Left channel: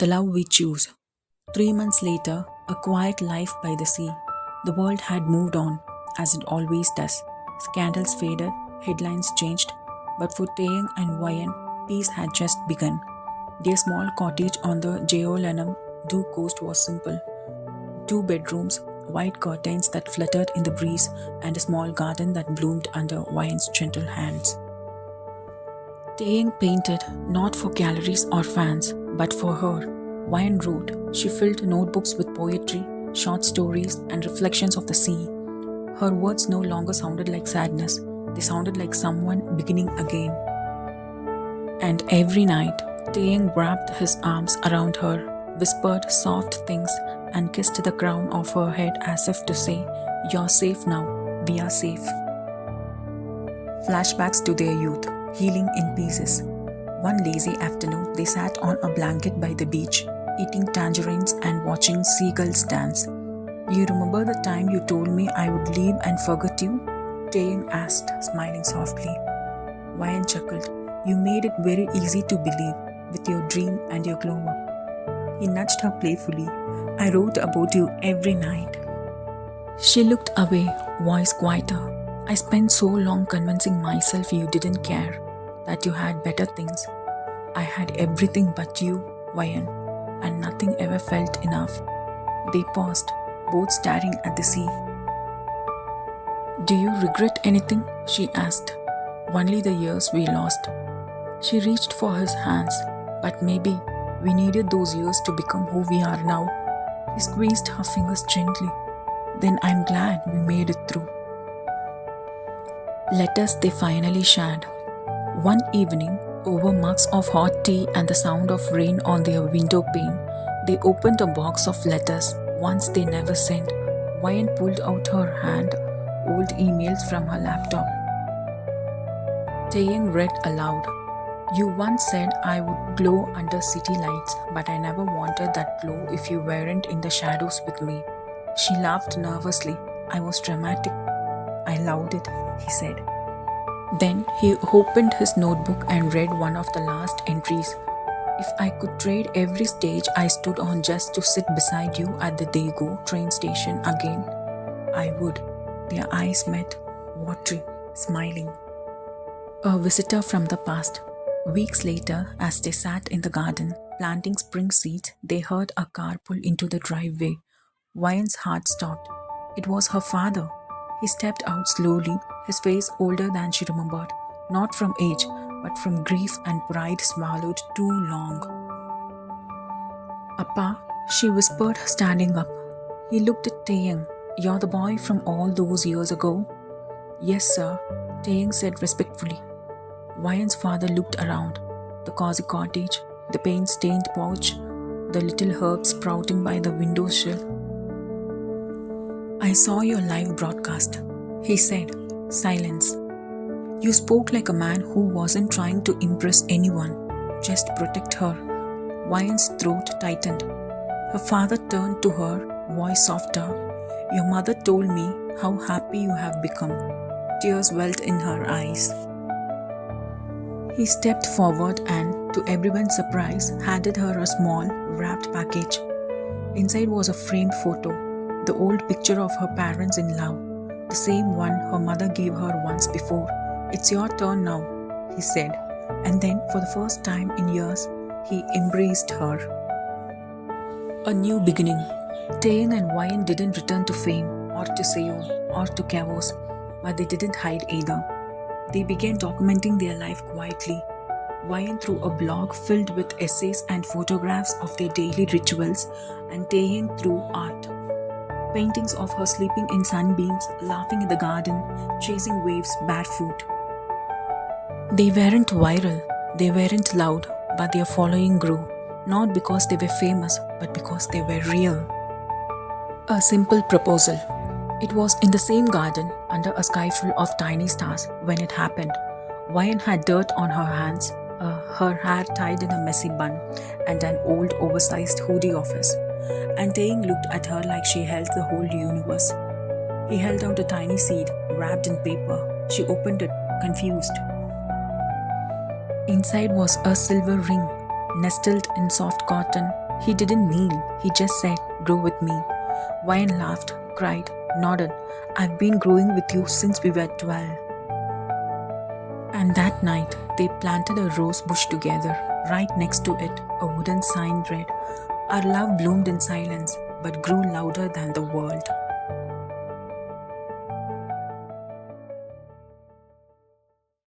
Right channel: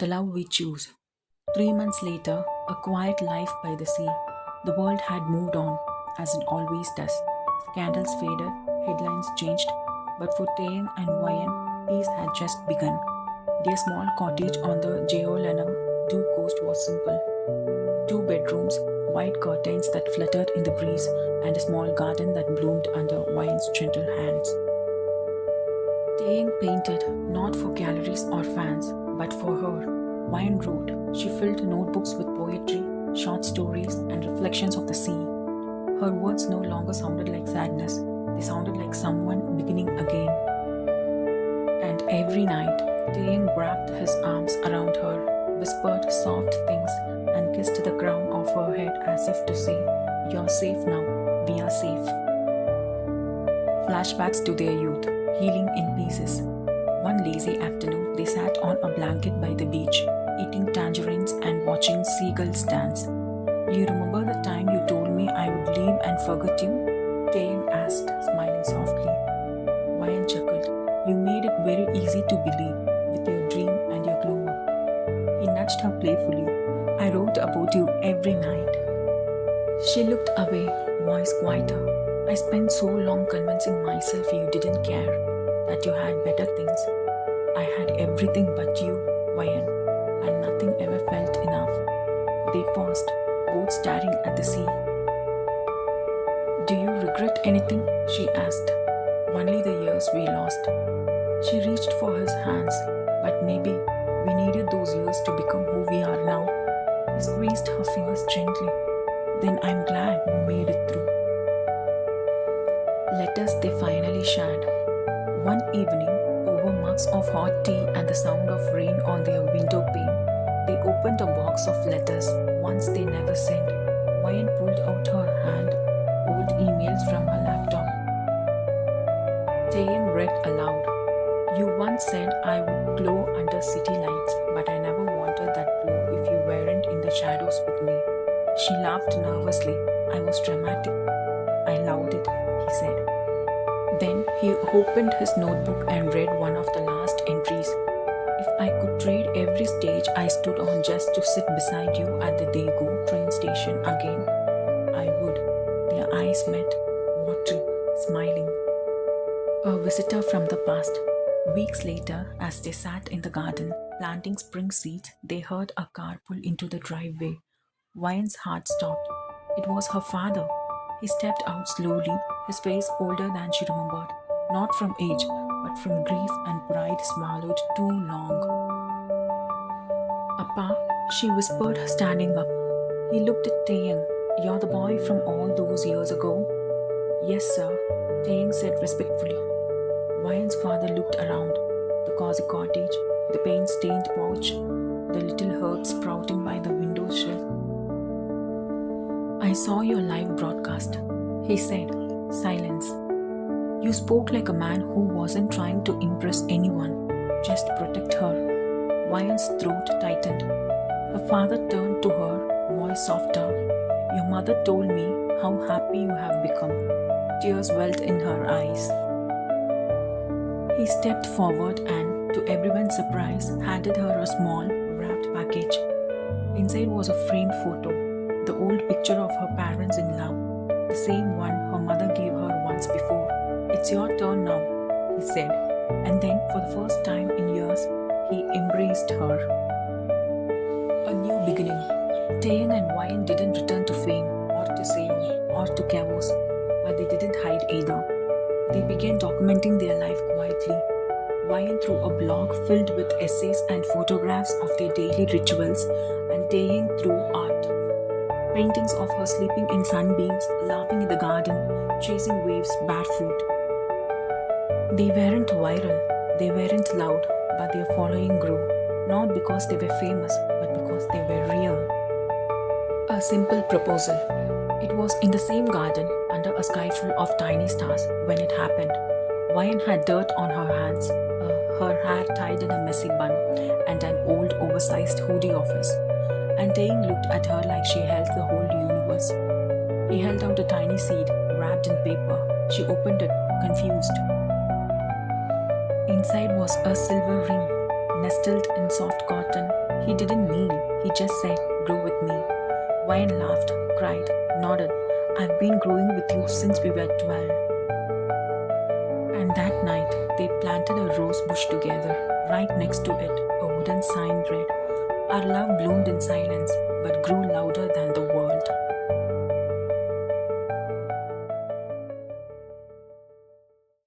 The love we choose. 3 months later, a quiet life by the sea. The world had moved on, as it always does. Scandals faded, headlines changed, but for Taeyang and Wayan, peace had just begun. Their small cottage on the Jeolanam Du coast was simple. Two bedrooms, white curtains that fluttered in the breeze, and a small garden that bloomed under Wayan's gentle hands. Taeyang painted not for galleries or fans, but for her. Wayan wrote. She filled notebooks with poetry, short stories, and reflections of the sea. Her words no longer sounded like sadness, they sounded like someone beginning again. And every night, Taeyang wrapped his arms around her, whispered soft things, and kissed the crown of her head as if to say, "You're safe now, we are safe." Flashbacks to their youth, healing in pieces. One lazy afternoon, they sat on a blanket by the beach, eating tangerines and watching seagulls dance. "You remember the time you told me I would leave and forget you?" Taeyang asked, smiling softly. Wayan chuckled. "You made it very easy to believe, with your dream and your glow up." He nudged her playfully. "I wrote about you every night." She looked away, voice quieter. "I spent so long convincing myself you didn't care, that you had better things. I had everything but you, Wayan, and nothing ever felt enough." They paused, both staring at the sea. "Do you regret anything?" she asked. "Only the years we lost." She reached for his hands, but maybe we needed those years to become who we are now. He squeezed her fingers gently. "Then I'm glad we made it through." Letters they finally shared. One evening, over mugs of hot tea and the sound of rain on their window pane, they opened a box of letters, ones they never sent. Wayan pulled out her hand, old emails from her laptop. Taeyang read aloud. "You once said I would glow under city lights, but I never wanted that glow if you weren't in the shadows with me." She laughed nervously. "I was dramatic. I loved it," he said. Then he opened his notebook and read one of the last entries. "If I could trade every stage I stood on just to sit beside you at the Daegu train station again, I would." Their eyes met, watery, smiling. A visitor from the past. Weeks later, as they sat in the garden, planting spring seeds, they heard a car pull into the driveway. Wayan's heart stopped. It was her father. He stepped out slowly, his face older than she remembered, not from age, but from grief and pride swallowed too long. "Appa," she whispered, standing up. He looked at Taeyang. "You're the boy from all those years ago?" "Yes, sir," Taeyang said respectfully. Wayan's father looked around. The cozy cottage, the paint-stained porch, the little herbs sprouting by the windowsill. "I saw your live broadcast," he said. Silence. "You spoke like a man who wasn't trying to impress anyone, just protect her." Wayan's throat tightened. Her father turned to her, voice softer. "Your mother told me how happy you have become." Tears welled in her eyes. He stepped forward and, to everyone's surprise, handed her a small, wrapped package. Inside was a framed photo, the old picture of her parents in love, the same one her mother gave her once before. "It's your turn now," he said, and then, for the first time in years, he embraced her. A new beginning. Taeyang and Wayan didn't return to fame, or to Seoul, or to chaos, but they didn't hide either. They began documenting their life quietly. Wayan through a blog filled with essays and photographs of their daily rituals, and Taeyang through art. Paintings of her sleeping in sunbeams, laughing in the garden, chasing waves barefoot. They weren't viral, they weren't loud, but their following grew, not because they were famous, but because they were real. A simple proposal. It was in the same garden, under a sky full of tiny stars, when it happened. Wayan had dirt on her hands, her hair tied in a messy bun, and an old oversized hoodie of his. And Taeyang looked at her like she held the whole universe. He held out a tiny seed, wrapped in paper. She opened it, confused. Inside was a silver ring, nestled in soft cotton. He didn't kneel, he just said, "Grow with me." Wayan laughed, cried, nodded. "I've been growing with you since we were 12. And that night, they planted a rose bush together. Right next to it, a wooden sign read, "Our love bloomed in silence, but grew louder than the